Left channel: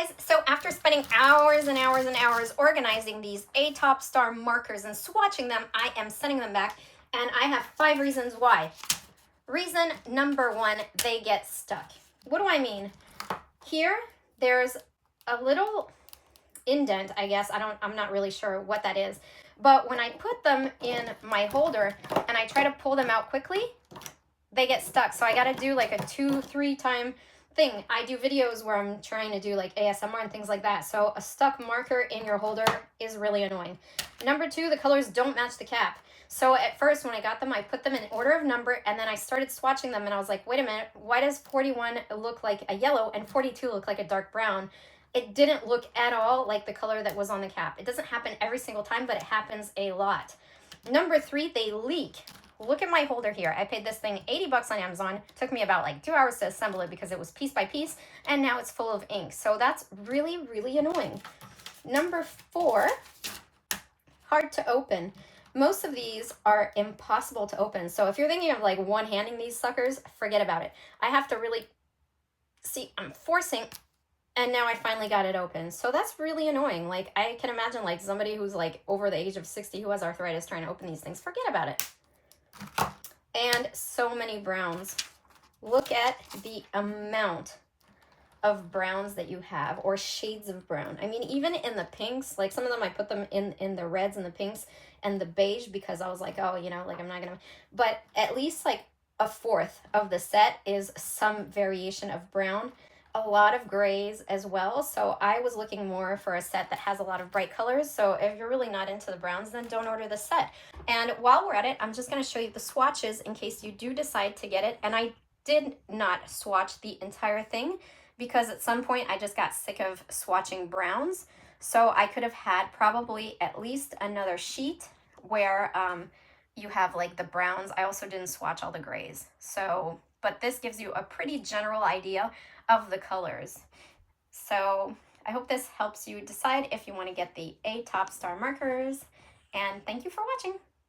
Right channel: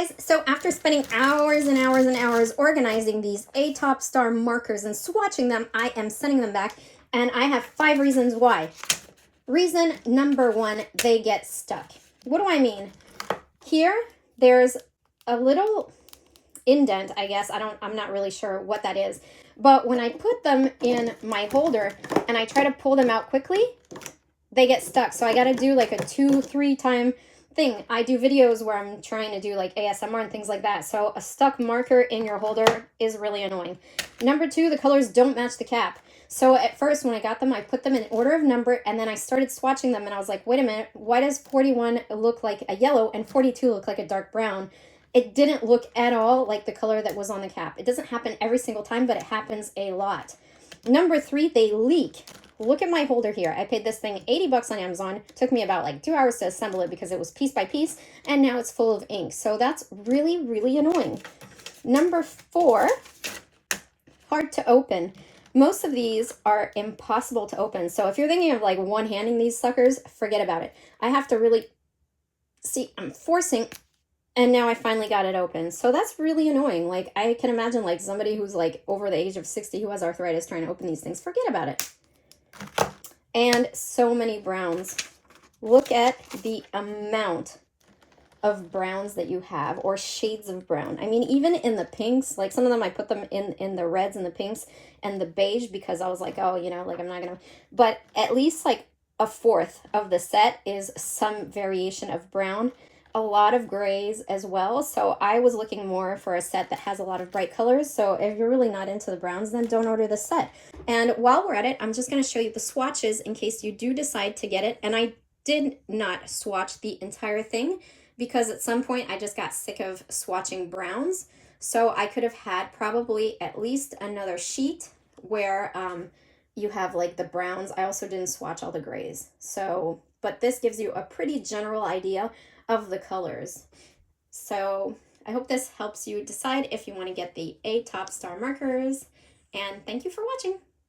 guys, so after spending hours and hours and hours organizing these A Top Star markers and swatching them, I am sending them back, and I have 5 reasons why. Reason number 1, they get stuck. What do I mean? Here, there's a little indent, I guess. I'm not really sure what that is. But when I put them in my holder and I try to pull them out quickly, they get stuck. So I got to do like a 2-3 time thing. I do videos where I'm trying to do like ASMR and things like that. So a stuck marker in your holder is really annoying. Number 2, the colors don't match the cap. So at first when I got them, I put them in order of number, and then I started swatching them and I was like, wait a minute, why does 41 look like a yellow and 42 look like a dark brown? It didn't look at all like the color that was on the cap. It doesn't happen every single time, but it happens a lot. Number 3, they leak. Look at my holder here. I paid this thing 80 bucks on Amazon. It took me about like 2 hours to assemble it because it was piece by piece, and now it's full of ink. So that's really, really annoying. Number 4, hard to open. Most of these are impossible to open. So if you're thinking of like one-handing these suckers, forget about it. I have to really, see, I'm forcing, and now I finally got it open. So that's really annoying. Like I can imagine like somebody who's like over the age of 60 who has arthritis trying to open these things. Forget about it. And so many browns. Look at the amount of browns that you have, or shades of brown. I mean, even in the pinks, like some of them I put them in the reds and the pinks and the beige because I was like, oh, you know, like I'm not gonna, but at least like a fourth of the set is some variation of brown, a lot of grays as well. So I was looking more for a set that has a lot of bright colors. So if you're really not into the browns, then don't order this set. And while we're at it, I'm just going to show you the swatches in case you do decide to get it. And I did not swatch the entire thing because at some point I just got sick of swatching browns. So I could have had probably at least another sheet where you have like the browns. I also didn't swatch all the grays. So, but this gives you a pretty general idea of the colors. So I hope this helps you decide if you want to get the A Top Star markers, and thank you for watching.